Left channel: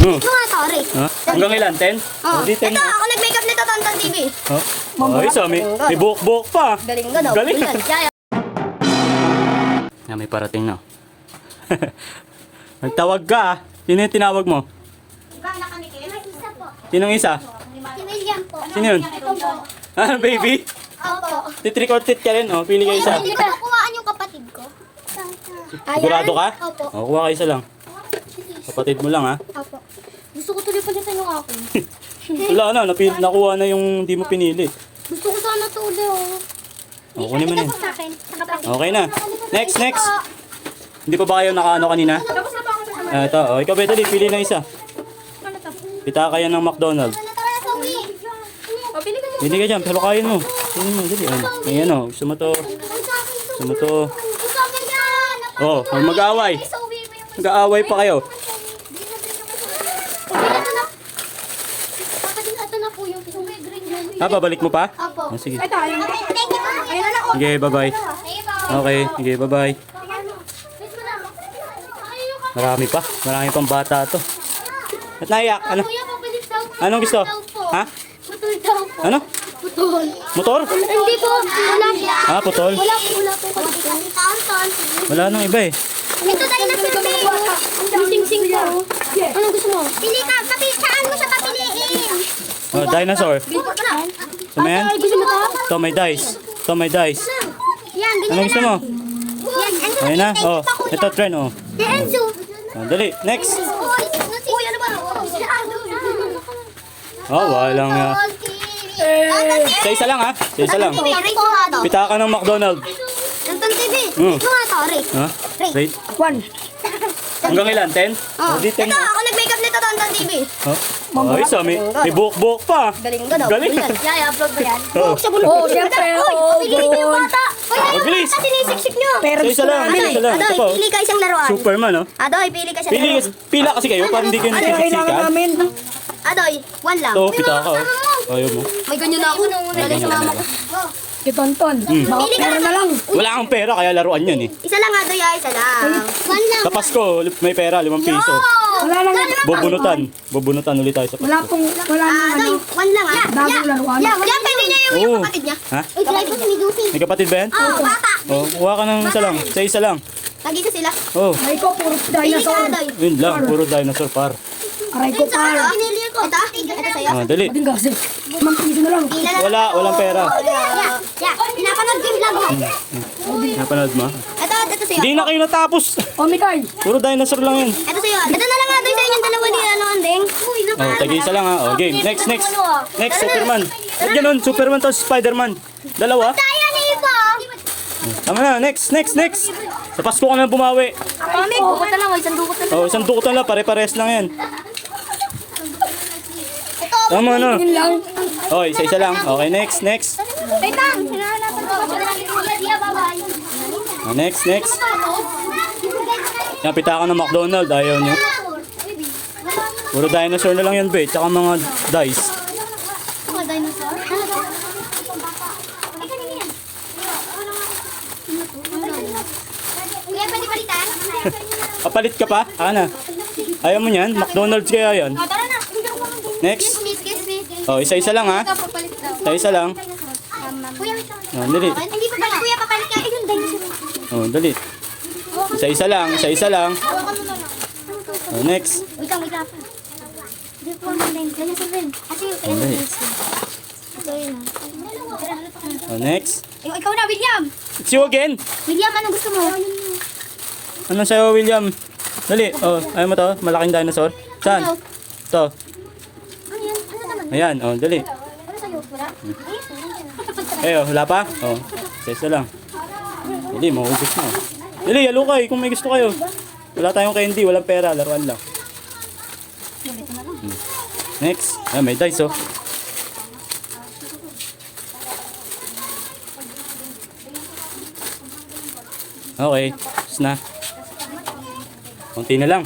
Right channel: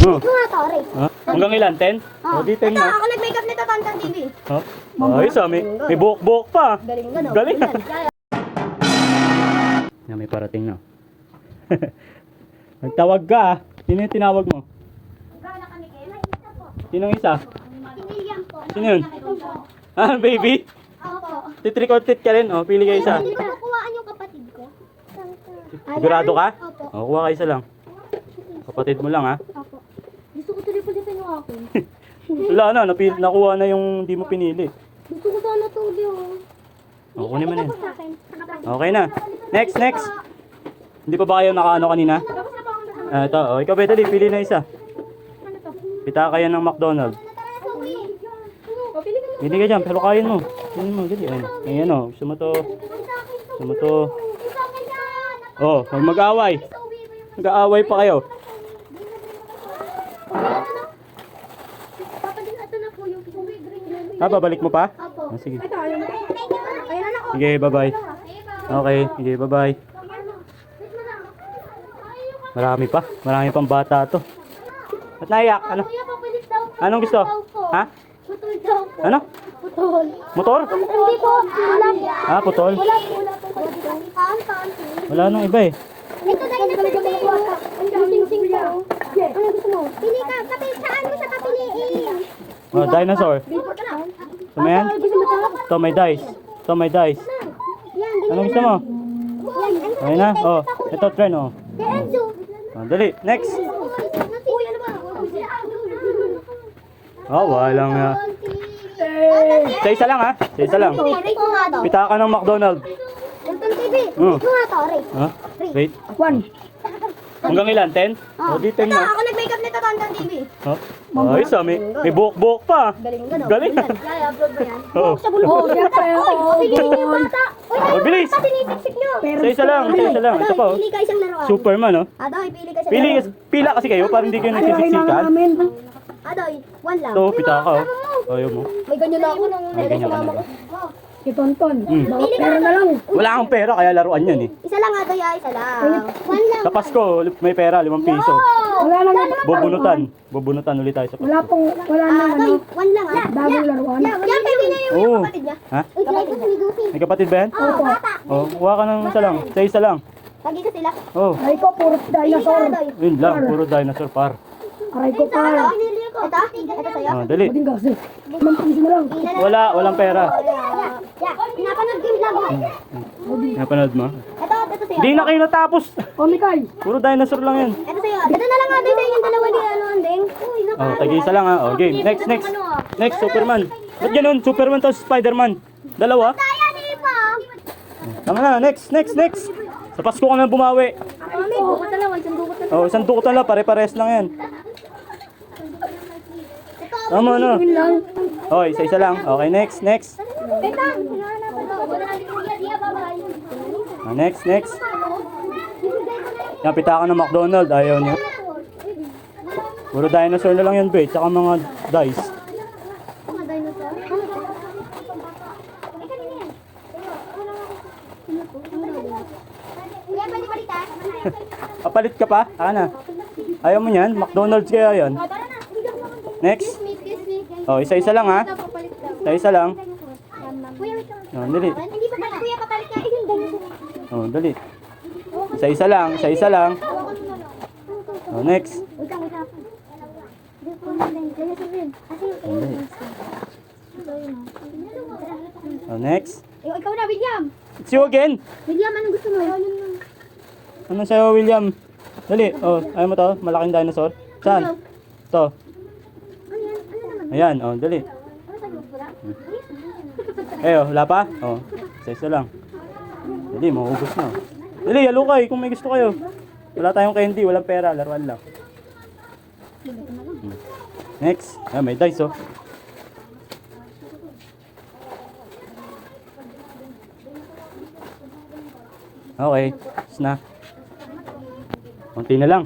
Ito nga, sorry. Hanggang ilan? 10? O, di 10 Ito, na. ako nag-makeup nito, Tantan TV. Ayos ah, may buhok-buhok pa. Galing ka daw. Galing. Yaya. May parating na. Nagtawag ka ah. Sino yung tinawag mo? Sinong isa? Si William po. Sino yun? Ito po. Ah, baby? Opo. Titrick or treat ka rin. O, pili kayo isa. Hindi ko kuhaan yung kapatid ko. Sigurado ka? Opo. O, kuha kayo isa lang. Kapatid mo lang ha. Opo. Gusto ko tuloy pa din sa yung akin. Wala na, nakuha na yung di mo pinili. Gusto ko sana ito ulit, oh. O, kunin mo na yun. Ito po sa akin. Okay na. Next. Hindi pa ba kayo nakaano kanina? Tapos na po ako kasama. Ah, ito. O, ikaw Betty, pili na isa. Ano to? Pita kayo ng McDonald's. Tara na sa uwi. O, pili ka na. Pili ka dyan, pero kain mo. Kain mo, dali. Ayan o, gusto mo to. Gusto mo to. Gusto ko yan. Oh, huwag mag-away. Sa uwi mo yung... Mag-aaway pa kayo. Ito na po yung uwi. Green yun. Ah, babalik mo pa? Opo. Oh, sige. Ito, ayun. Thank you. Ayun na lang. Sige, bye-bye. Ayun po. Okay, sige, bye-bye. Marami pa. Marami pang bata to. At naiyak, ano? Kuya, pabalik daw po. Anong gusto? Daw po. Ha? Putol daw po. Ano? Putol. Motor? Hindi po. Wala po. Ah, putol. Wala po. Wala po. Tantan. Wala nang iba eh. Ito tayo na sa amin. Ang sing-sing po. Anong gusto mo? Pili ka. Saan mo siya papiliin? Oh, dinosaur. Billboard ka na. Ito mo yan? Gusto mo to? Ito may dice. Ito may dice. Yan, Ano ganyan gusto na mo? lang. Yan, Ayun na. Oh, ito trend oh. Enzo. Oh, dali. Next. Uy, ano ba? Oh, walang... sa isa lang ha. Sa isa lang. Pita ka ng McDonald's. Tantan TV. Mm. Ito nga, sorry. Ha? Wait. 1. Hanggang ilan? 10? O, di 10 na. Ako nag-makeup nito, Tantan TV. Ha? Ayos ah, may buhok-buhok pa. Galing ka daw. Galing. Yaya, upload ba yan? Oo. Oo, syempre. Piliin niyo yung bata. Oh, bilis. Sinisiksik niyo. Sa isa lang. Sa isa lang. Ito pa. Adoy, pili ka isang laruan. Superman oh. Adoy, pili ka isang laruan. Pila kasi kayo para hindi kayo nagsisiksikan. Adoy, one lang. Ito, pita ka oh. Ayaw mo. May ganyan na ako nung May nalis ganyan mama ka ko. Si Tonton. Pili ka na lang. Wala kang pera kaya laruan yun eh. Isa lang Adoy, isa lang. One lang. Sa Pasko, may pera, 5 piso. Wala nang Bubunutan ulit tayo sa Pasko. wala nang Adoy, one lang ah. bagong laruan. Yan, pili niya yung Oo. kapatid niya. Ha? Uy, try ko ni Duty. May kapatid ba yan? Oo, bata. Oh, kuha ka ng isa lang. Sa isa lang. Nandito sila. Oh, Ay ko, puro Pili ka dinosaur. Adoy. yun lang. Puro dinosaur par. Aray ko pa. Pinili ko. Ito sa'yo. Ah, dali. Bading kasi. Mampiso na lang. Pila na. Walang pera. Yeah, pinapanood ko yung vlog ko. Napanood mo? Ito sa'yo. Hindi na kayo natapos. O, Mikay. Puro dinosaur lang yun. Ito sa'yo. Ito na lang Adoy sa inyong dalawa ni Andeng. Uy, Oh, tag-isa lang ha. Oh, game. Next. Next, Superman. Ba't ganun? Superman to Spider-Man. Dalawa. Kaya na iba. Tama na. Next. Sa Pasko ka na bumawi. Mami, dukot na lang. Isang dukot na lang. Oh, isang dukutan lang. Pare-pares lang yan. Ito. Tama na. Yun lang. Oh, isa lang. Okay, next. Wait lang. Hinahanap ko. Bye-bye. Oh, next. Yan, pita ka ng McDonald's. Ayaw nyo. Puro dinosaur na lang yan, be. Tsaka mga dice. Mga dinosaur. Kuya, bali-balitan. Papalit ka pa? Ana. Ayaw mo yan? McDonald's kaya yan. Tara na. Next. Kiss. Oh, isa lang ha. Ikaw, papalit daw. Isa lang. Kuya, wait lang. Oh, dali. Hindi pa pala, kuya, papalit ka. Ayun, dinosaur. Oh, dali. Isa lang. Oh, next. Wait lang. Hindi po namin. Dinosaur rin. Kasi yung Dali. Oh, next. Ikaw na, William. It's you again. William, anong gusto mo? Anong sa'yo, William? Dali. Oh, ayaw mo to? Malaking dinosaur? Saan? Ito. Ano yan? Ano naman? Ayan. Oh, dali. Ano sa'yo? Wala? Oh, wala pa? Oh, isa lang. Dali, maubos na. Dali, alukay kung may gusto kayo. Wala tayong candy, walang pera, laruan lang. Next. Ah, may dice oh. Okay, tapos na. Konti na lang.